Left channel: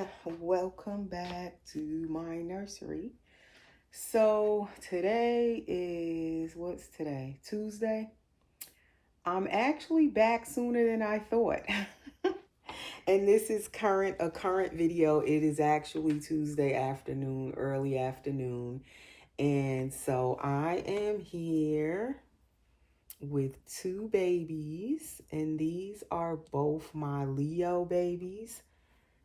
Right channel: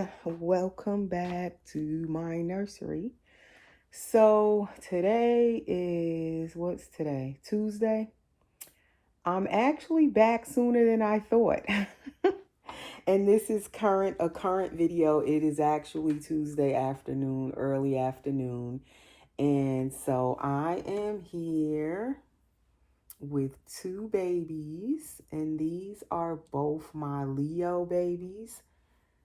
everyone, welcome back to my nursery. So today is, what's today? Tuesday. I'm actually back sooner than I thought. And this is a current video. It is actually Tuesday afternoon, early afternoon. And so I am here with two babies, and these are both my Leo babies.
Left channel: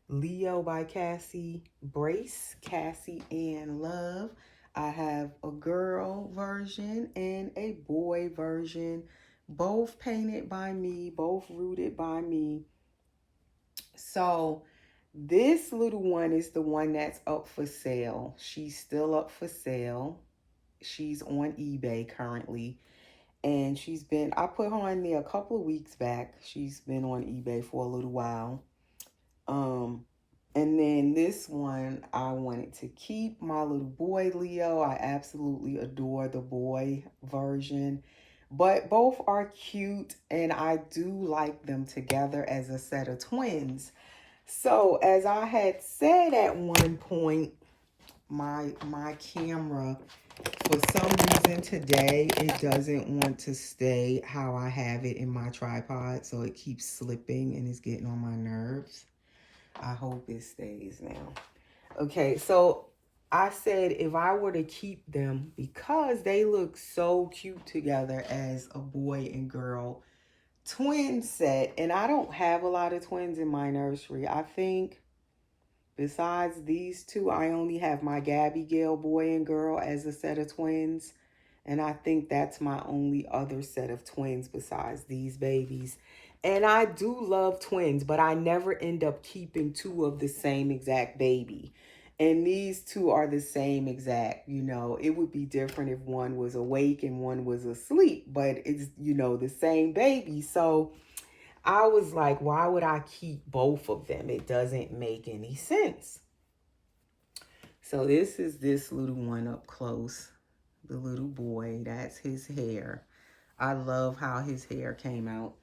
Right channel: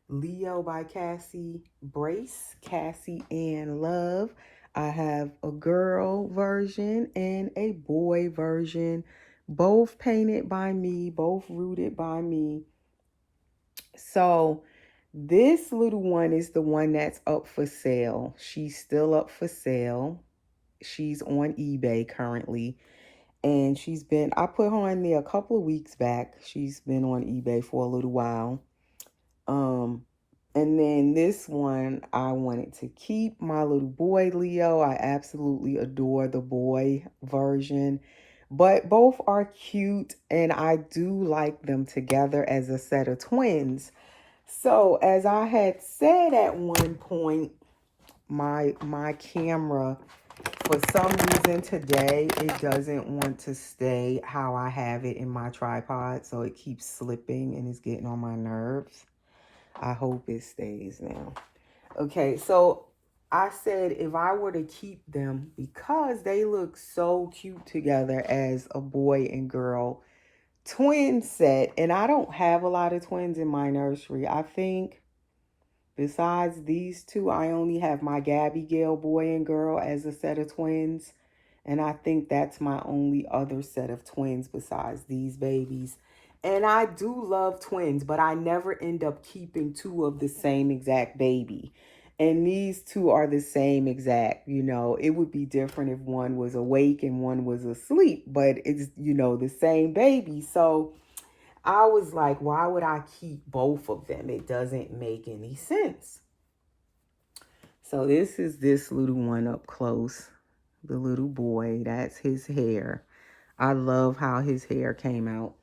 Leo by Cassie Brace, Cassie and Love. I have a girl version and a boy version, both painted by me, both rooted by me. So this little one is the one that's up for sale. She's still up for sale. She's on eBay currently. And I put her on there a couple of weeks back. She's been on eBay for a little while. And then this one, I wanted to keep my little boy Leo. I absolutely adore the boy version, but both are cute and I do like them together as a set of twins. So as I had said at one point, my camera, for some reason today, it doesn't want to stay how I have it in my tripod. So it keeps slipping and it's getting on my nerves. I hope it stays now. Okay, so I said if I were to keep them, because they look so cute together as a boy and girl twin set, and I don't have a lot of twins in my nursery. I think besides these two, I only have my Gabby Gale boy and girl as a set of twins. And I think that's my only other set of twins besides these babies. And I do love twins, but I never end up keeping two of the same exact baby. And these two are the same exact, it would be different if one was awake and one was asleep, but it's, the same baby. So I was like, why would I keep both of them? It doesn't make any sense. So this is this little one up close. The little boy, that's his hair. I love how his hair came out.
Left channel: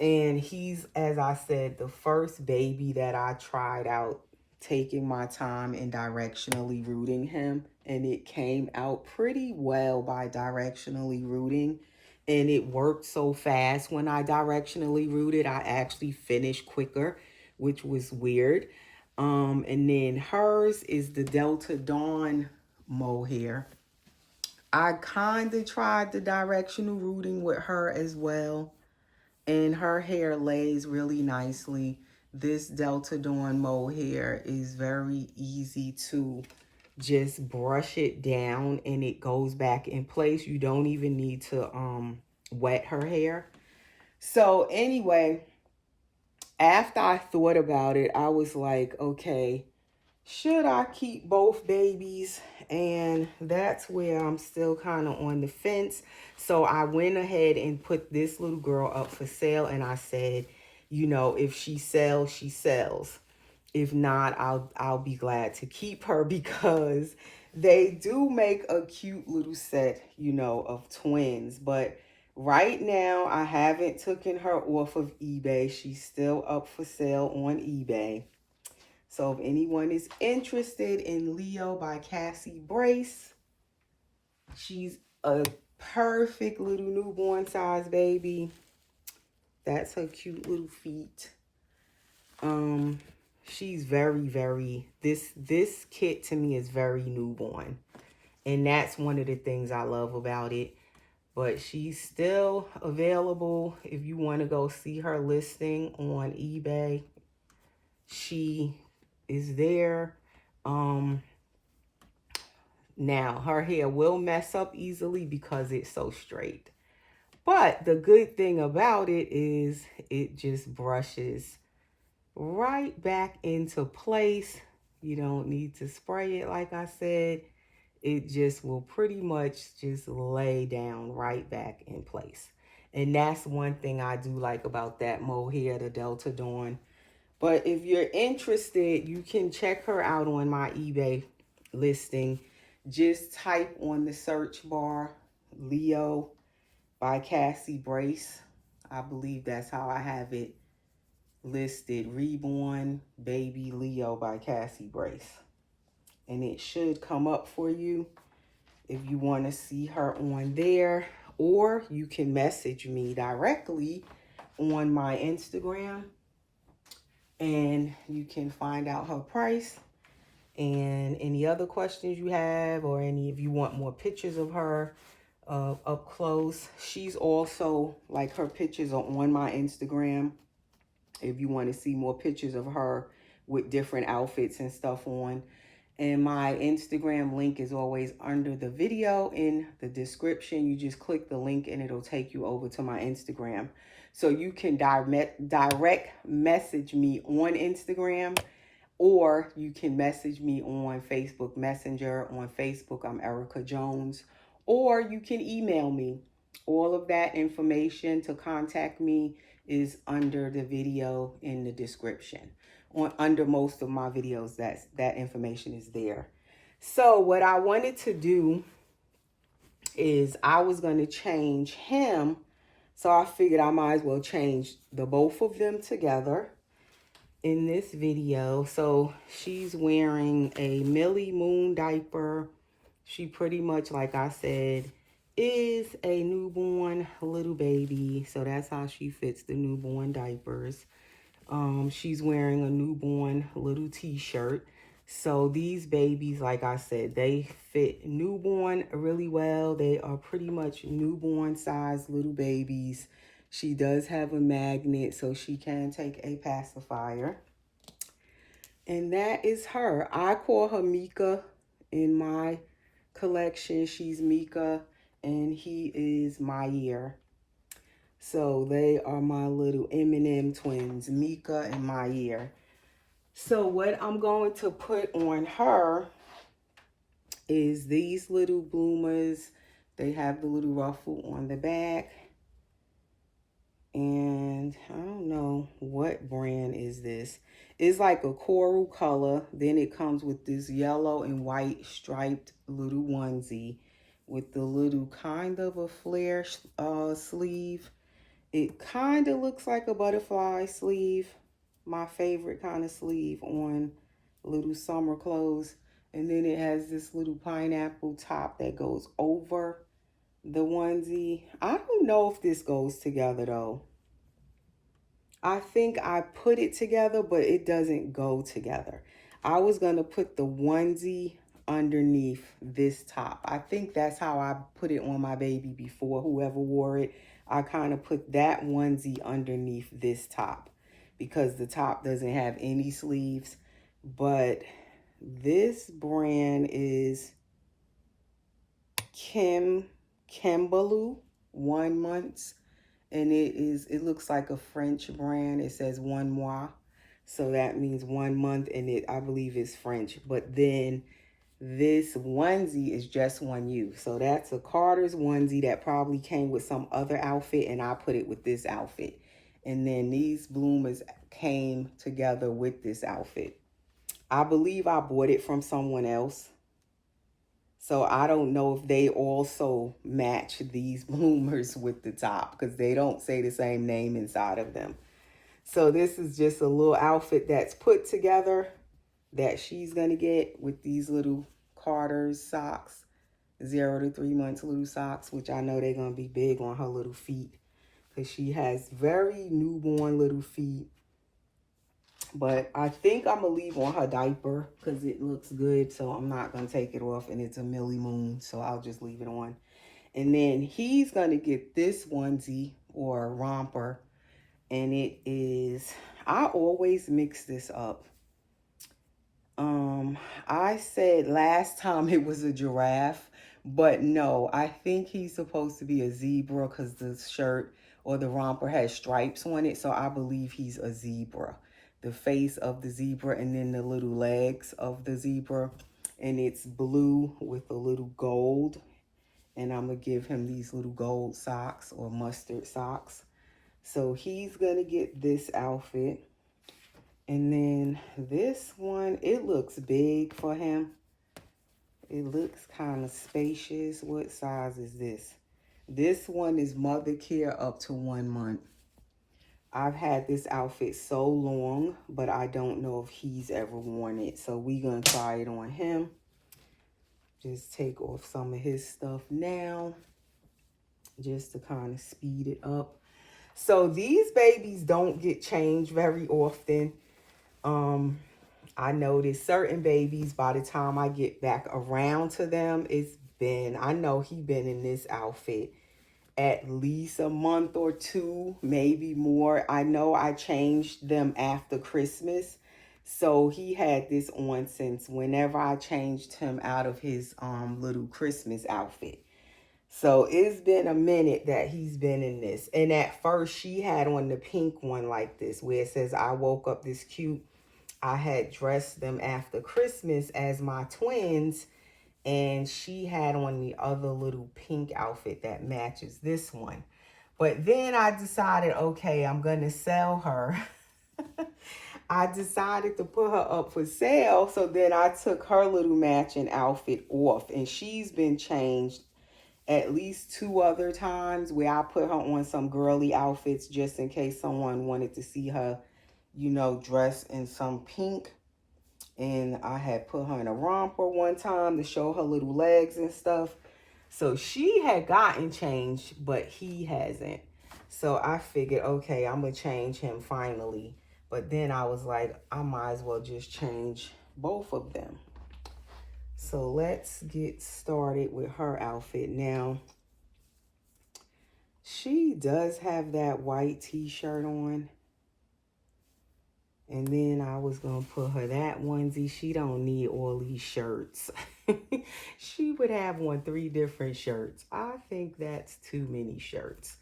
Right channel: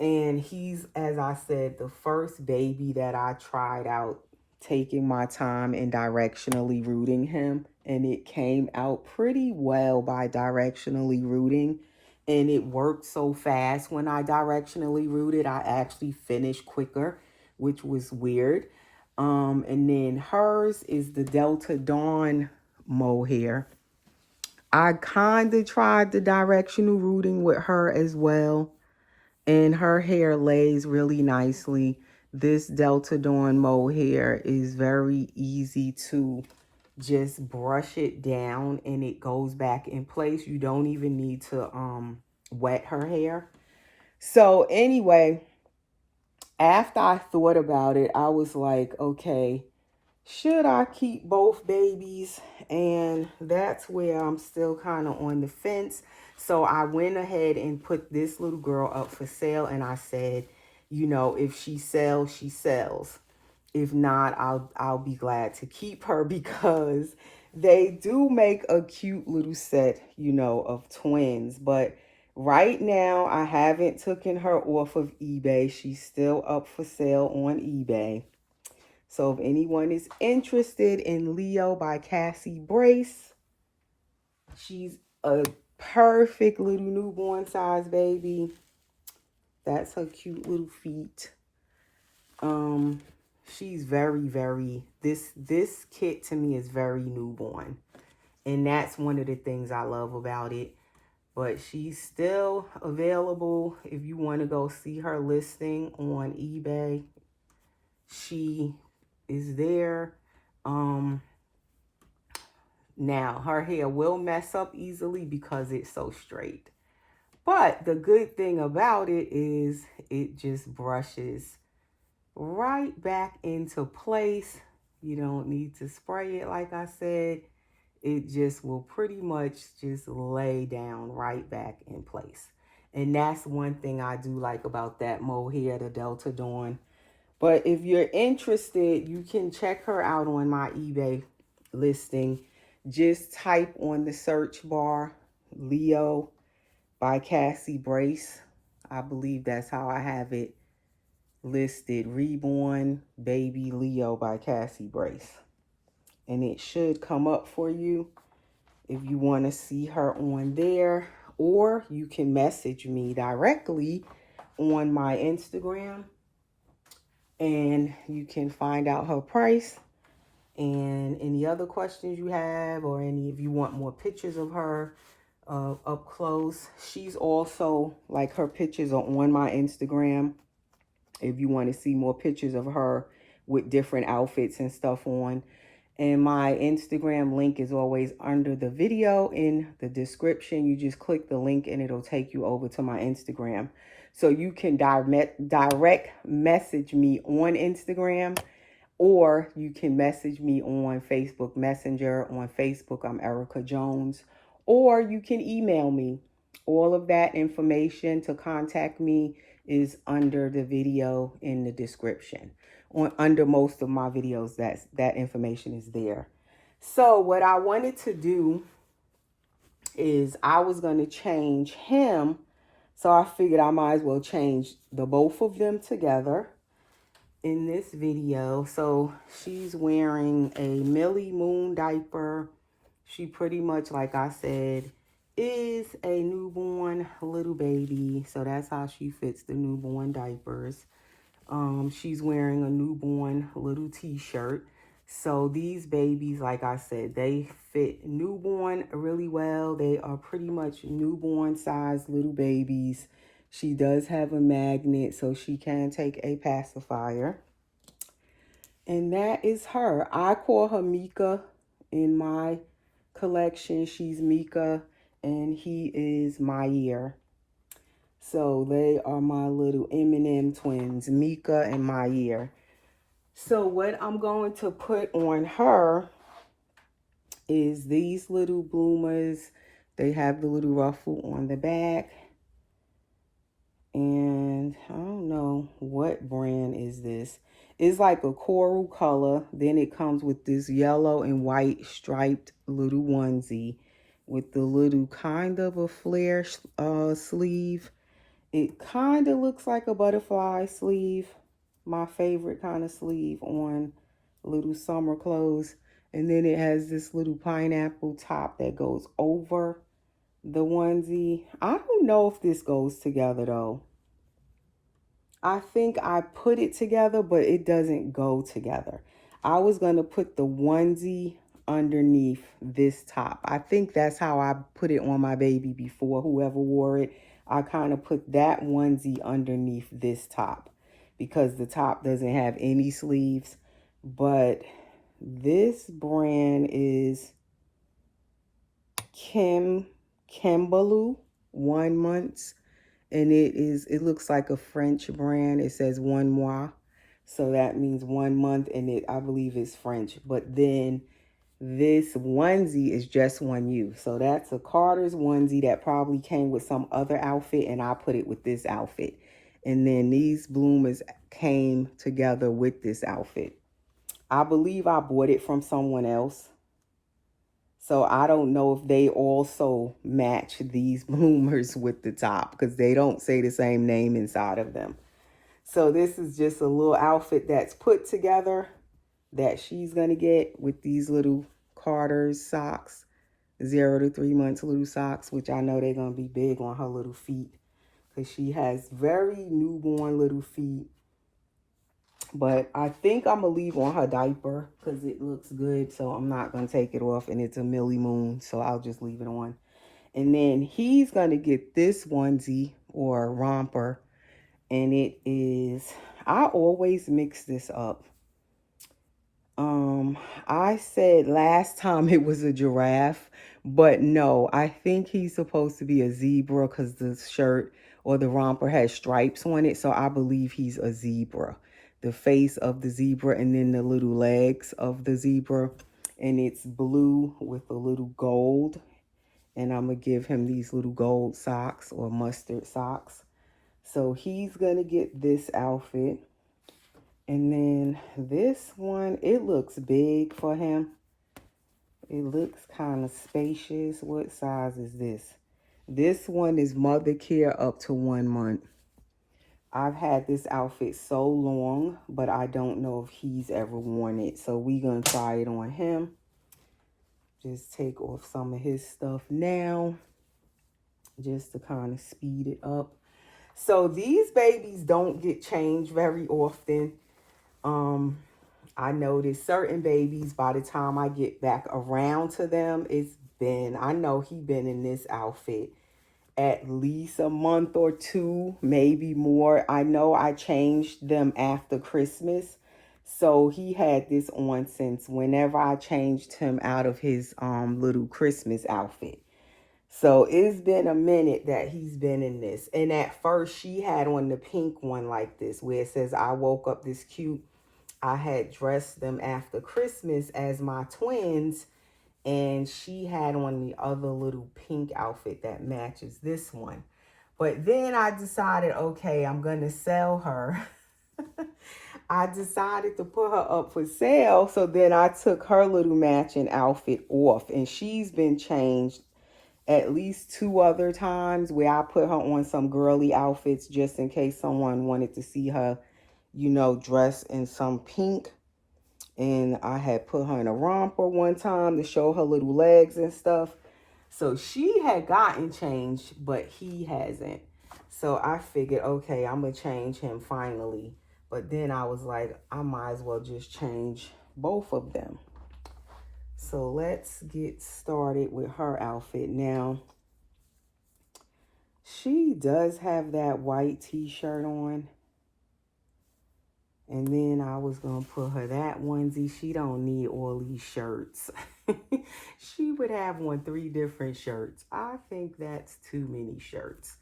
And he's, as I said, the first baby that I tried out taking my time and directionally rooting him. And it came out pretty well by directionally rooting. And it worked so fast when I directionally rooted. I actually finished quicker, which was weird. And then hers is the Delta Dawn mohair. I kind of tried the directional rooting with her as well. And her hair lays really nicely. This Delta Dawn mohair is very easy to just brush it down and it goes back in place. You don't even need to wet her hair. So anyway, after I thought about it, I was like, okay, should I keep both babies? And that's where I'm still kind of on the fence. So I went ahead and put this little girl up for sale. And I said, if she sells, she sells. If not, I'll be glad to keep her because they do make a cute little set, of twins. But right now, I haven't taken her off of eBay. She's still up for sale on eBay. So if anyone is interested in Leo by Cassie Brace, she's a perfect little newborn size baby. That's her cute little feet. She's very, this kit to me is very newborn. And that's one of the things I love about it. But she's still available if you want to go see her listing on eBay. She is there. Now her hair will mess up easily because it's so straight, but the good thing about it is it just brushes right back into place. You don't need to spray it. Like I said, it just will pretty much just lay down right back in place. And that's one thing I do like about that mohair, the Delta Dawn. But if you're interested, you can check her out on my eBay listing. Just type on the search bar, Leo by Cassie Brace. I believe that's how I have it listed Reborn Baby Leo by Cassie Brace. And it should come up for you if you want to see her on there. Or you can message me directly on my Instagram and you can find out her price and any other questions you have, or any if you want more pictures of her up close. She's also, like, her pictures are on my Instagram if you want to see more pictures of her with different outfits and stuff on. And my Instagram link is always under the video in the description. You just click the link and it'll take you over to my Instagram. So you can direct message me on Instagram, or you can message me on Facebook Messenger. On Facebook, I'm Erica Jones. Or you can email me. All of that information to contact me is under the video in the description. Under most of my videos, that information is there. So what I wanted to do is I was going to change him. So I figured I might as well change the both of them together in this video. So she's wearing a Millie Moon diaper. She pretty much, like I said, is a newborn little baby. So that's how she fits the newborn diapers. She's wearing a newborn little t-shirt. So these babies, like I said, they fit newborn really well. They are pretty much newborn sized little babies. She does have a magnet, so she can take a pacifier. And that is her. I call her Mika in my collection. She's Mika and he is Mayer. So they are my little M&M twins, Mika and Mayer. So what I'm going to put on her is these little bloomers. They have the little ruffle on the back. And I don't know what brand is this. It's like a coral color. Then it comes with this yellow and white striped little onesie with the little kind of a flare sleeve. It kind of looks like a butterfly sleeve. My favorite kind of sleeve on little summer clothes. And then it has this little pineapple top that goes over the onesie. I don't know if this goes together though. I think I put it together, but it doesn't go together. I was going to put the onesie underneath this top. I think that's how I put it on my baby before, whoever wore it. I kind of put that onesie underneath this top because the top doesn't have any sleeves. But this brand is Kimbaloo 1 month. And it looks like a French brand. It says 1 mois. So that means 1 month, and I believe is French. But then this onesie is just 1U. So that's a Carter's onesie that probably came with some other outfit, and I put it with this outfit. And then these bloomers came together with this outfit. I believe I bought it from someone else. So I don't know if they also match these bloomers with the top because they don't say the same name inside of them. So this is just a little outfit that's put together that she's going to get with these little Carter's socks, 0 to 3 months little socks, which I know they're going to be big on her little feet because she has very newborn little feet. But I think I'm going to leave on her diaper because it looks good. So I'm not going to take it off. And it's a Millie Moon. So I'll just leave it on. And then he's going to get this onesie or romper. And it is, I always mix this up. I said last time it was a giraffe. But no, I think he's supposed to be a zebra because the shirt or the romper has stripes on it. So I believe he's a zebra. The face of the zebra and then the little legs of the zebra. And it's blue with a little gold. And I'm going to give him these little gold socks or mustard socks. So he's going to get this outfit. And then this one, it looks big for him. It looks kind of spacious. What size is this? This one is mother care up to 1 month. I've had this outfit so long, but I don't know if he's ever worn it. So we gonna try it on him. Just take off some of his stuff now, just to kind of speed it up. So these babies don't get changed very often. I notice certain babies, by the time I get back around to them, I know he been in this outfit at least a month or two, maybe more. I know I changed them after Christmas. So he had this on since whenever I changed him out of his little Christmas outfit. So it's been a minute that he's been in this. And at first she had on the pink one like this, where it says, I woke up this cute. I had dressed them after Christmas as my twins. And she had on the other little pink outfit that matches this one. But then I decided, okay, I'm going to sell her. I decided to put her up for sale. So then I took her little matching outfit off. And she's been changed at least 2 other times where I put her on some girly outfits just in case someone wanted to see her, you know, dressed in some pink. And I had put her in a romper one time to show her little legs and stuff. So she had gotten changed, but he hasn't. So I figured, okay, I'm going to change him finally. But then I was like, I might as well just change both of them. So let's get started with her outfit. Now, she does have that white t-shirt on. And then I was going to put her that onesie. She don't need all these shirts. She would have on 3 different shirts. I think that's too many shirts.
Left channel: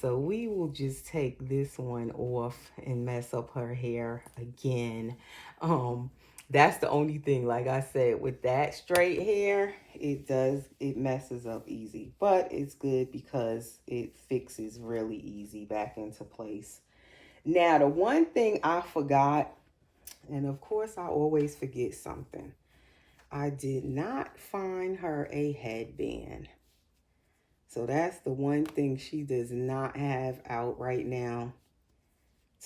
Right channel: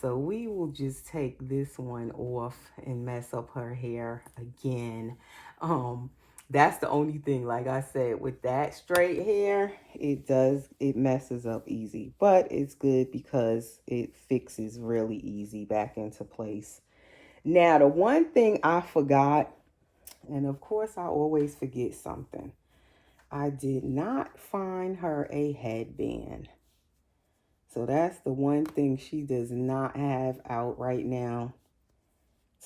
So we will just take this one off and mess up her hair again. That's the only thing, like I said, with that straight hair, it messes up easy. But it's good because it fixes really easy back into place. Now, the one thing I forgot, and of course I always forget something. I did not find her a headband. So that's the one thing she does not have out right now.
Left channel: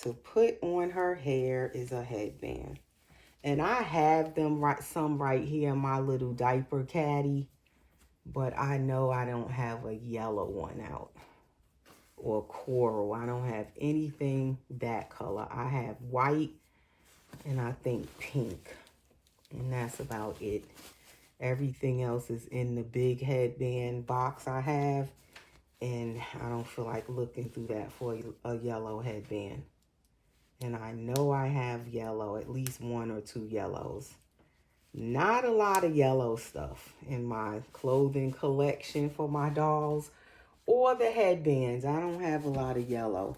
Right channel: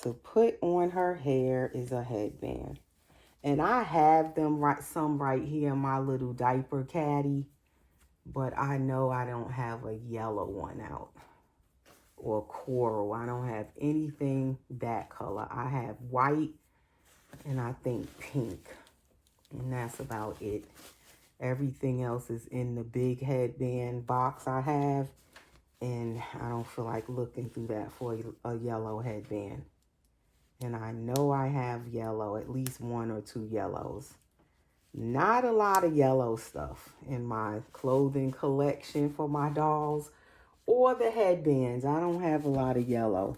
To put on her hair is a headband. And I have them right here in my little diaper caddy. But I know I don't have a yellow one out. Or coral. I don't have anything that color. I have white and I think pink. And that's about it. Everything else is in the big headband box I have. And I don't feel like looking through that for a yellow headband. And I know I have yellow, at least 1 or 2 yellows. Not a lot of yellow stuff in my clothing collection for my dolls or the headbands. I don't have a lot of yellow.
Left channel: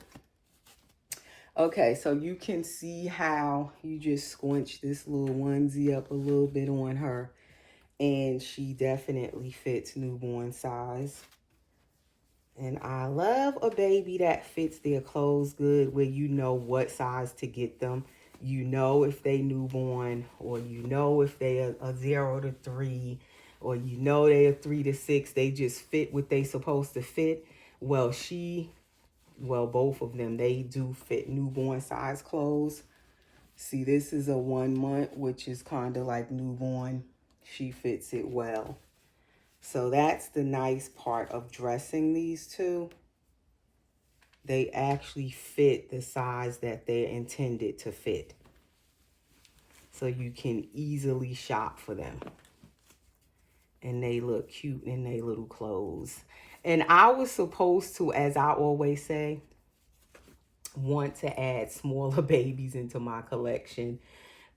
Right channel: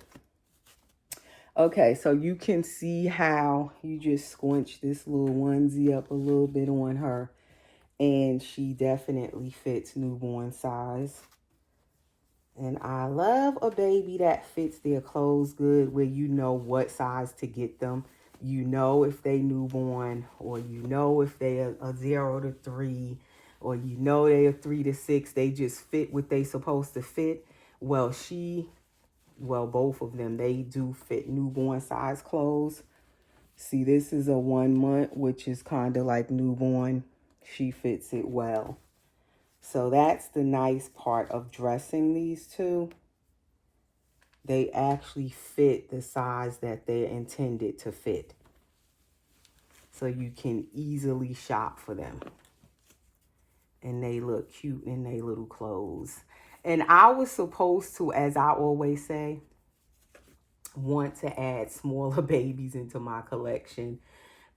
Okay, so you can see how you just squinch this little onesie up a little bit on her. And she definitely fits newborn size. And I love a baby that fits their clothes good, where you know what size to get them. You know if they newborn, or you know if they are a 0 to 3, or you know they are 3 to 6. They just fit what they supposed to fit. Well, both of them, they do fit newborn size clothes. See, this is a 1 month, which is kind of like newborn. She fits it well. So that's the nice part of dressing these two. They actually fit the size that they're intended to fit. So you can easily shop for them. And they look cute in their little clothes. And I was supposed to, as I always say, want to add smaller babies into my collection.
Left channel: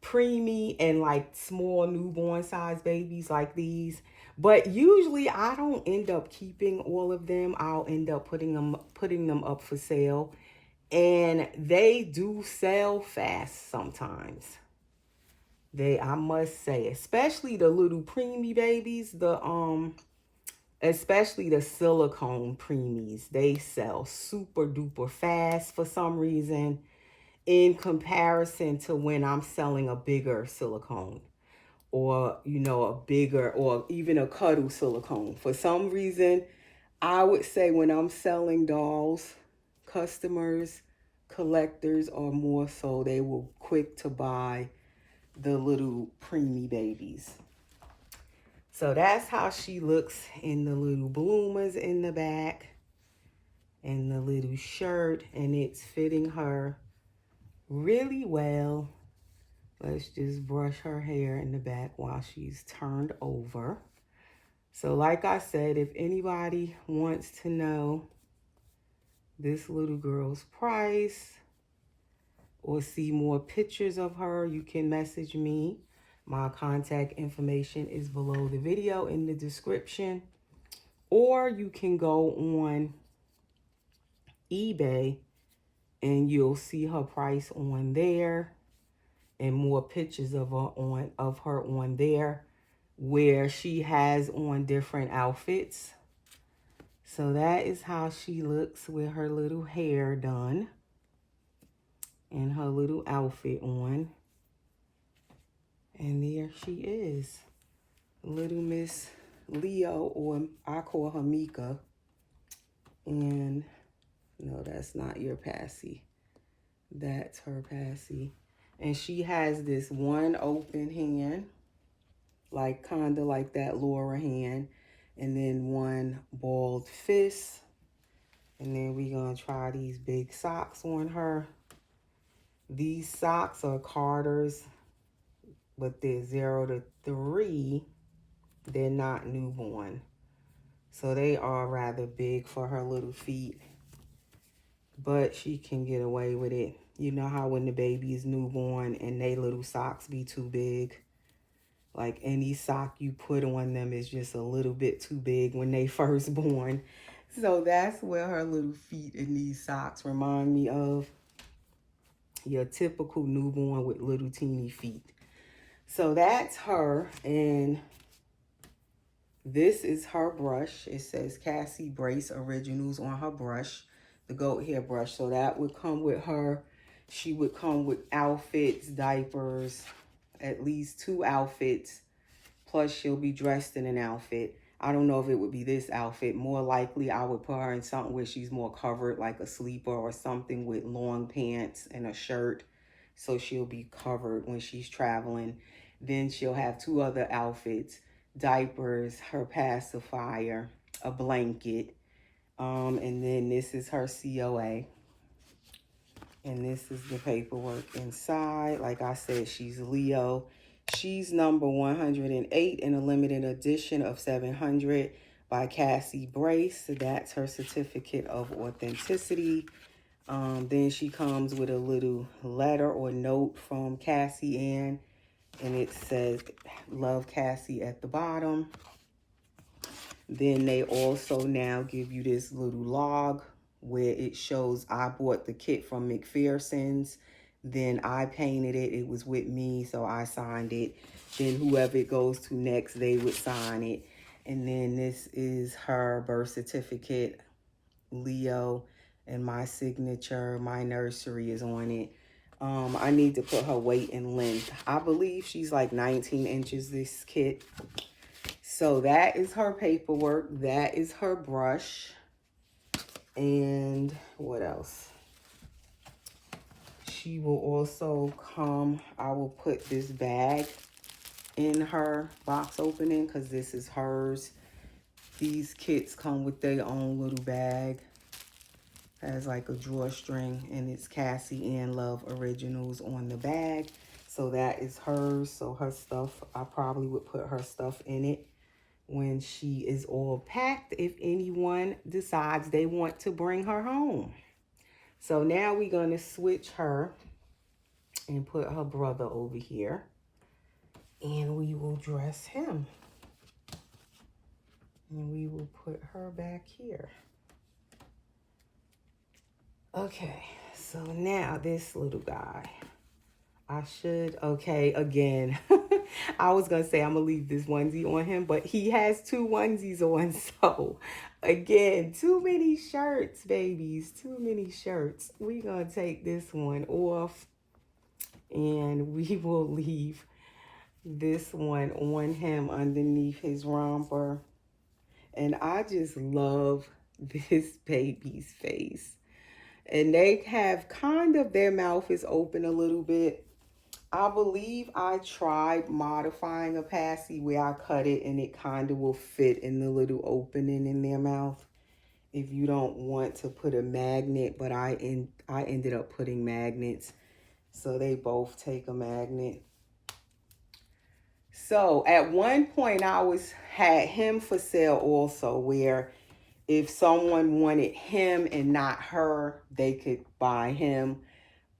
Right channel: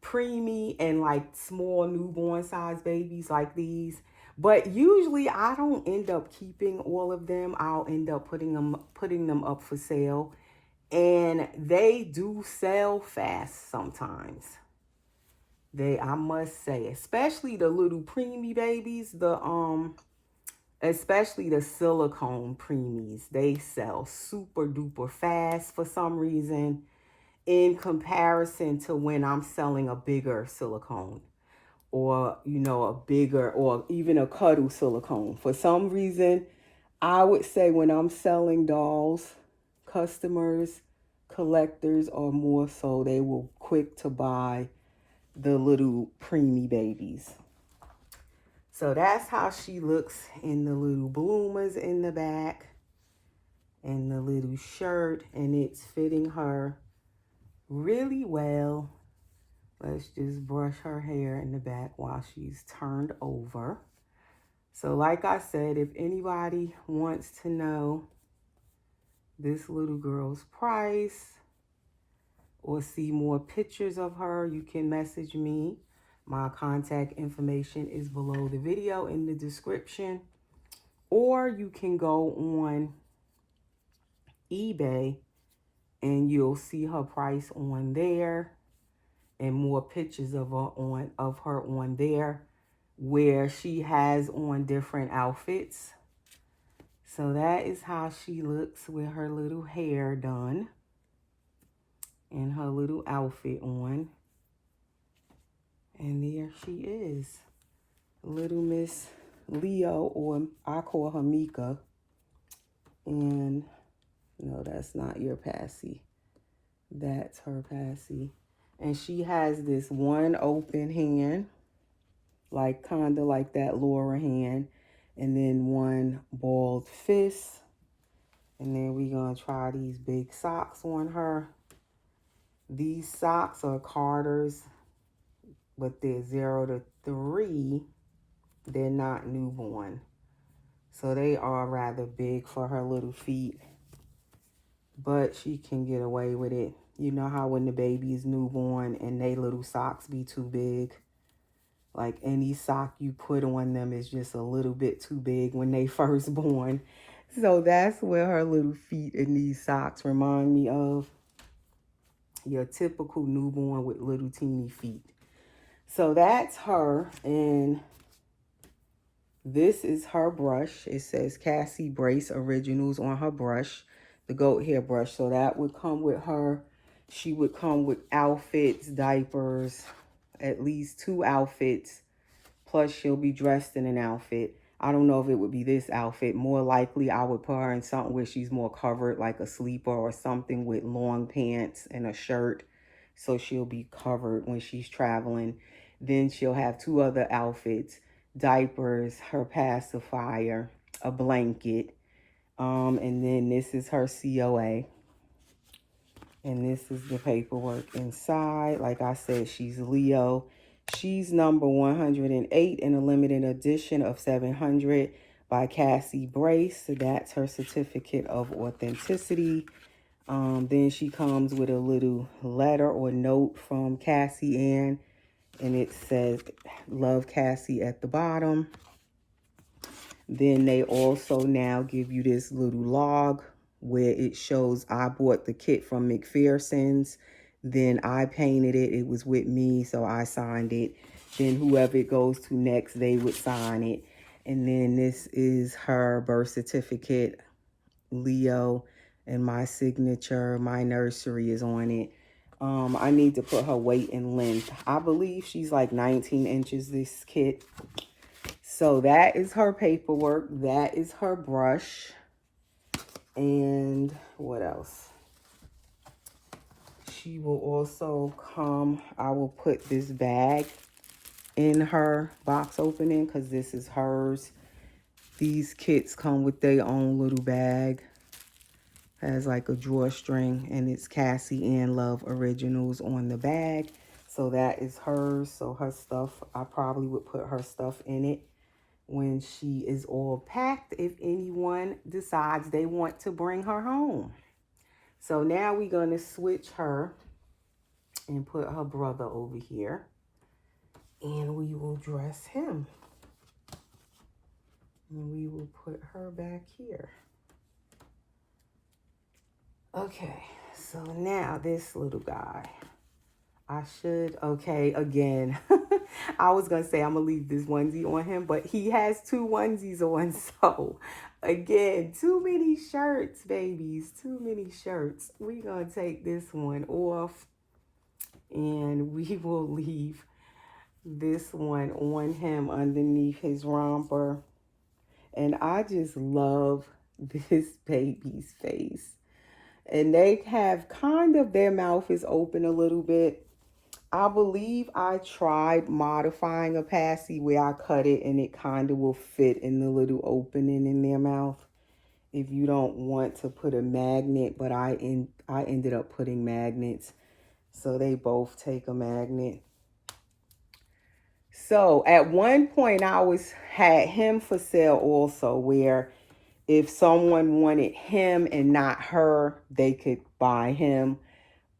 Preemie and like small newborn size babies like these. But usually I don't end up keeping all of them. I'll end up putting them up for sale. And they do sell fast sometimes. I must say, especially the little preemie babies, especially the silicone preemies, they sell super duper fast for some reason in comparison to when I'm selling a bigger silicone. Or, you know, a bigger, or even a cuddle silicone. For some reason, I would say when I'm selling dolls, customers collectors are more so they will quick to buy the little preemie babies. So that's how she looks in the little bloomers in the back and the little shirt, and it's fitting her really well. Let's just brush her hair in the back while she's turned over. So like I said, if anybody wants to know this little girl's price or see more pictures of her, you can message me. My contact information is below the video in the description. Or you can go on eBay and you'll see her price on there and more pictures of her on there where she has on different outfits. So that is how she looks with her little hair done and her little outfit on. And there she is, little Miss Leo, or I call her Mika. And no, that's not your Passy. That's her Passy. And she has this one open hand, like kind of like that Laura hand, and then one balled fist. And then we're going to try these big socks on her. These socks are Carter's, but they're 0 to 3. They're not newborn. So they are rather big for her little feet. But she can get away with it. You know how when the baby is newborn and they little socks be too big? Like any sock you put on them is just a little bit too big when they first born. So that's where her little feet in these socks remind me of. Your typical newborn with little teeny feet. So that's her, and this is her brush. It says Cassie Brace Originals on her brush, the goat hair brush. So that would come with her. She would come with outfits, diapers, at least 2 outfits, plus she'll be dressed in an outfit. I don't know if it would be this outfit. More likely, I would put her in something where she's more covered, like a sleeper or something with long pants and a shirt. So she'll be covered when she's traveling. Then she'll have 2 other outfits, diapers, her pacifier, a blanket. And then this is her COA. And this is the paperwork inside. Like I said, she's Leo. She's number 108 in a limited edition of 700 by Cassie Brace. So that's her certificate of authenticity. Then she comes with a little letter or note from Cassie Ann. And it says, "Love Cassie" at the bottom. Then they also now give you this little log where it shows I bought the kit from McPherson's. Then I painted it. It was with me, so I signed it. Then whoever it goes to next, they would sign it. And then this is her birth certificate, Leo, and my signature. My nursery is on it. I need to put her weight and length. I believe she's like 19 inches, this kit. So that is her paperwork. That is her brush. And what else? She will also come, I will put this bag in her box opening because this is hers. These kits come with their own little bag. Has like a drawstring, and it's Cassie Ann Love Originals on the bag. So that is hers. So her stuff, I probably would put her stuff in it when she is all packed, if anyone decides they want to bring her home. So now we're going to switch her and put her brother over here. And we will dress him. And we will put her back here. Okay, so now this little guy. Okay, again, I was going to say I'm going to leave this onesie on him, but he has 2 onesies on. So, again, too many shirts, babies, too many shirts. We're going to take this one off, and we will leave this one on him underneath his romper. And I just love this baby's face. And they have kind of, their mouth is open a little bit. I believe I tried modifying a passy where I cut it and it kind of will fit in the little opening in their mouth. If you don't want to put a magnet, but I ended up putting magnets. So they both take a magnet. So at one point I had him for sale also, where if someone wanted him and not her, they could buy him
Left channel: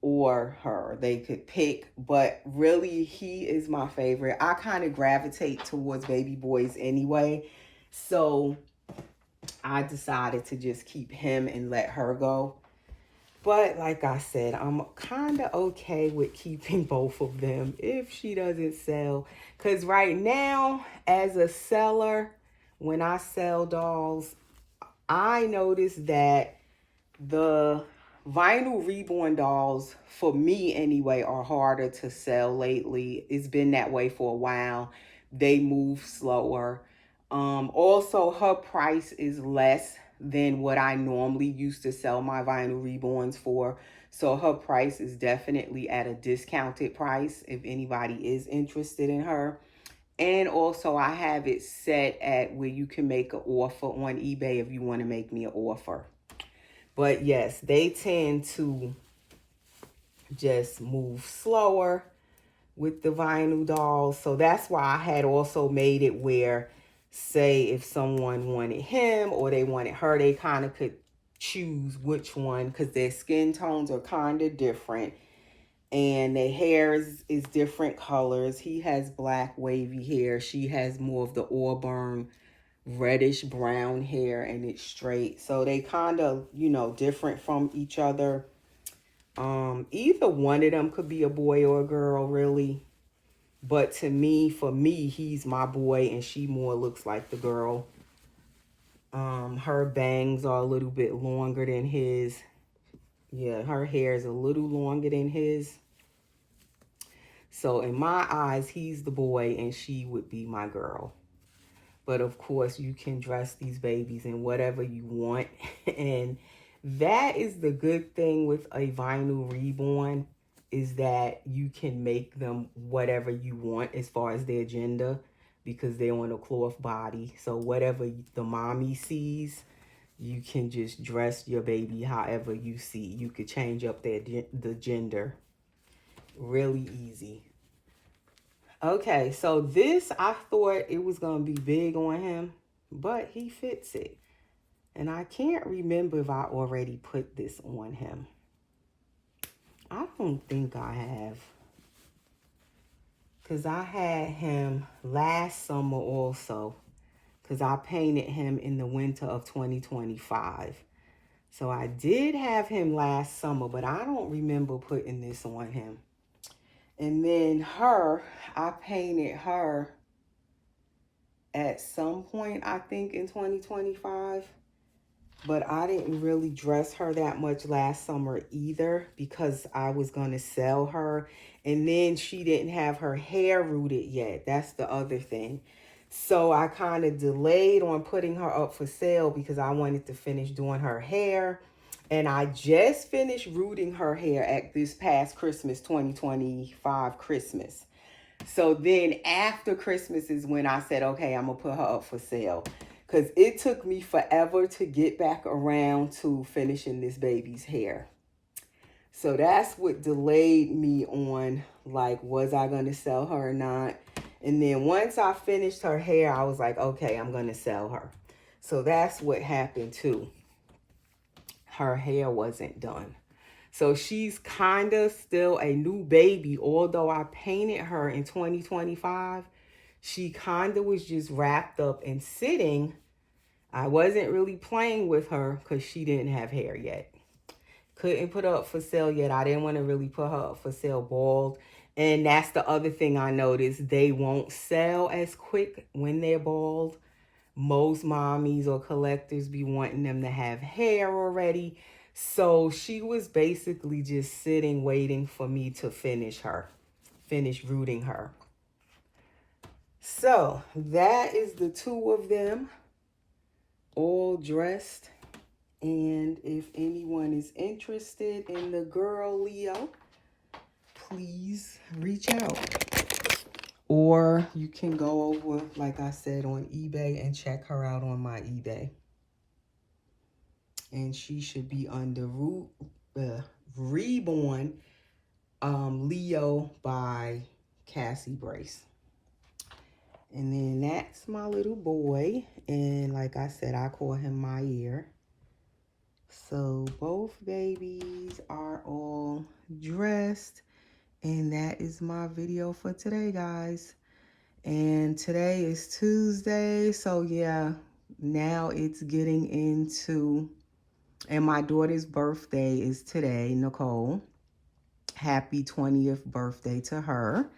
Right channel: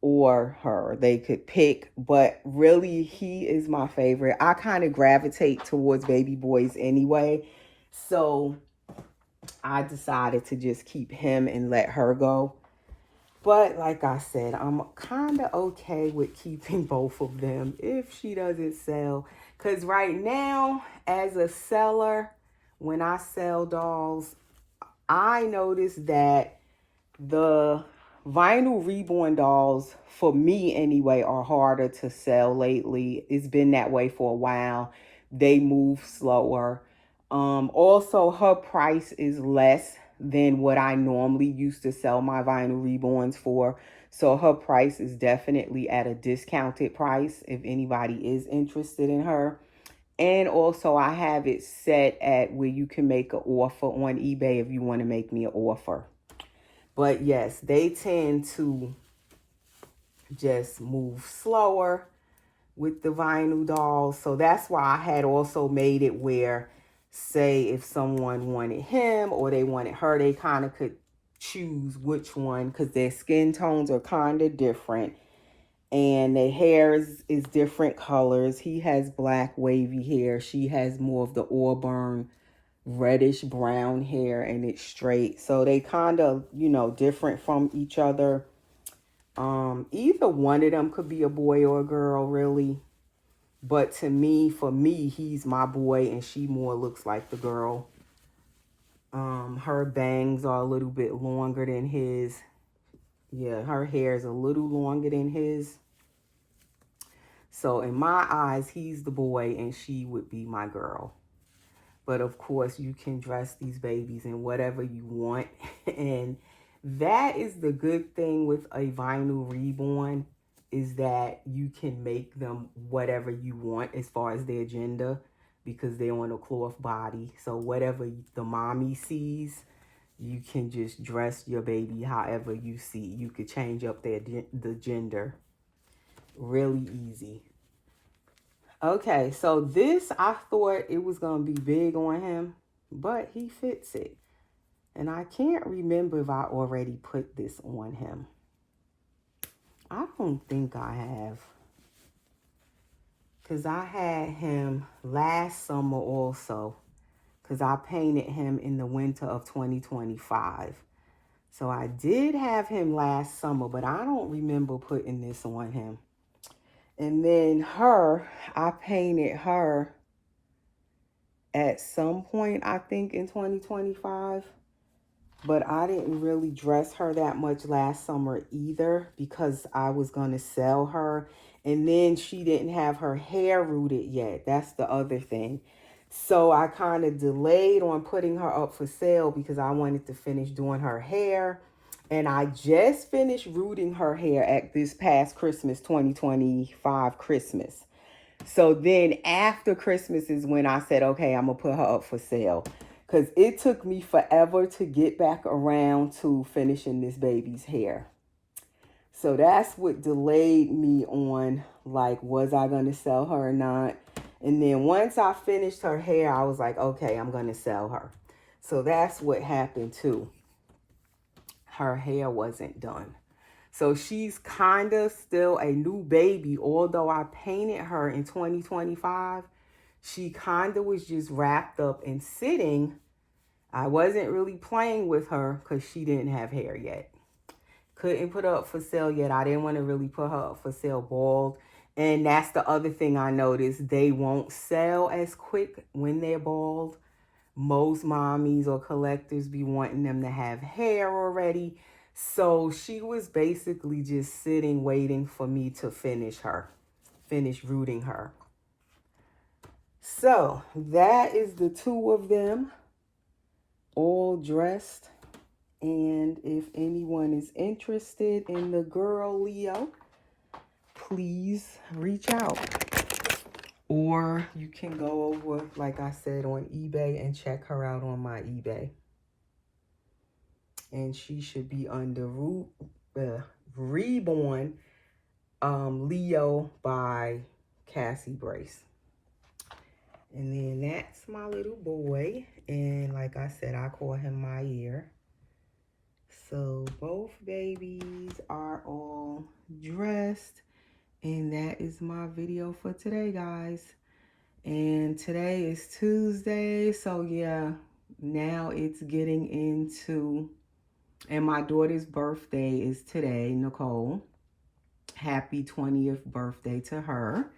or her. They could pick, but really he is my favorite. I kind of gravitate towards baby boys anyway. So I decided to just keep him and let her go. But like I said, I'm kind of okay with keeping both of them if she doesn't sell. Because right now, as a seller, when I sell dolls, I noticed that the vinyl reborn dolls, for me anyway, are harder to sell lately. It's been that way for a while. They move slower. Also, her price is less than what I normally used to sell my vinyl reborns for. So her price is definitely at a discounted price if anybody is interested in her. And also I have it set at where you can make an offer on eBay if you want to make me an offer. But yes, they tend to just move slower with the vinyl dolls. So that's why I had also made it where, say, if someone wanted him or they wanted her, they kind of could choose which one, because their skin tones are kind of different. And their hair is different colors. He has black wavy hair. She has more of the auburn reddish brown hair, and it's straight. So they kind of, you know, different from each other. Either one of them could be a boy or a girl, really. But to me, for me, he's my boy and she more looks like the girl. Her bangs are a little bit longer than his. Yeah, her hair is a little longer than his. So in my eyes, he's the boy and she would be my girl. But of course, you can dress these babies in whatever you want. And that is the good thing with a vinyl reborn, is that you can make them whatever you want as far as their gender, because they're on a cloth body. So whatever the mommy sees, you can just dress your baby however you see. You could change up the gender. Really easy. Okay, so this, I thought it was going to be big on him, but he fits it. And I can't remember if I already put this on him. I don't think I have. Because I had him last summer also. Because I painted him in the winter of 2025. So I did have him last summer, but I don't remember putting this on him. And then her, I painted her at some point, I think in 2025. But I didn't really dress her that much last summer either, because I was going to sell her. And then she didn't have her hair rooted yet. That's the other thing. So I kind of delayed on putting her up for sale because I wanted to finish doing her hair. And I just finished rooting her hair at this past Christmas, 2025 Christmas. So then after Christmas is when I said, okay, I'm going to put her up for sale. Because it took me forever to get back around to finishing this baby's hair. So that's what delayed me on, like, was I going to sell her or not? And then once I finished her hair, I was like, okay, I'm going to sell her. So that's what happened too. Her hair wasn't done. So she's kind of still a new baby. Although I painted her in 2025, she kind of was just wrapped up and sitting. I wasn't really playing with her because she didn't have hair yet. Couldn't put her up for sale yet. I didn't want to really put her up for sale bald. And that's the other thing I noticed. They won't sell as quick when they're bald. Most mommies or collectors be wanting them to have hair already. So she was basically just sitting, waiting for me to finish rooting her. So that is the two of them all dressed And if anyone is interested in the girl Leo, please reach out. Or you can go over, like I said, on eBay and check her out on my eBay. And she should be under Reborn Leo by Cassie Brace. And then that's my little boy. And like I said, I call him my ear. So both babies are all dressed. And that is my video for today, guys. And today is Tuesday. So yeah, now it's getting into, and my daughter's birthday is today, Nicole. Happy 20th birthday to her.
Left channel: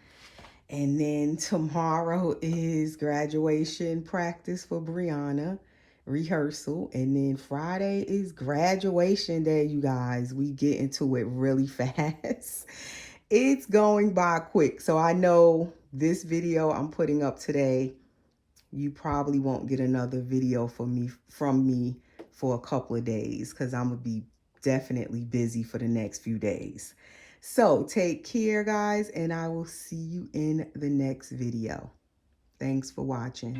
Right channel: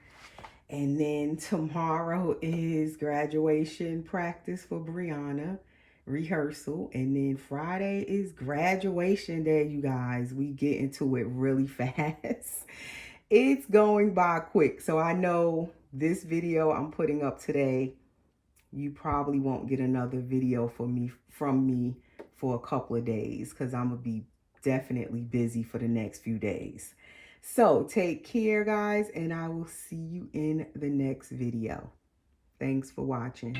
And then tomorrow is graduation practice for Brianna, rehearsal. And then Friday is graduation day, you guys. We get into it really fast. It's going by quick. So I know this video I'm putting up today, you probably won't get another video from me for a couple of days because I'm going to be definitely busy for the next few days. So take care, guys, and I will see you in the next video. Thanks for watching.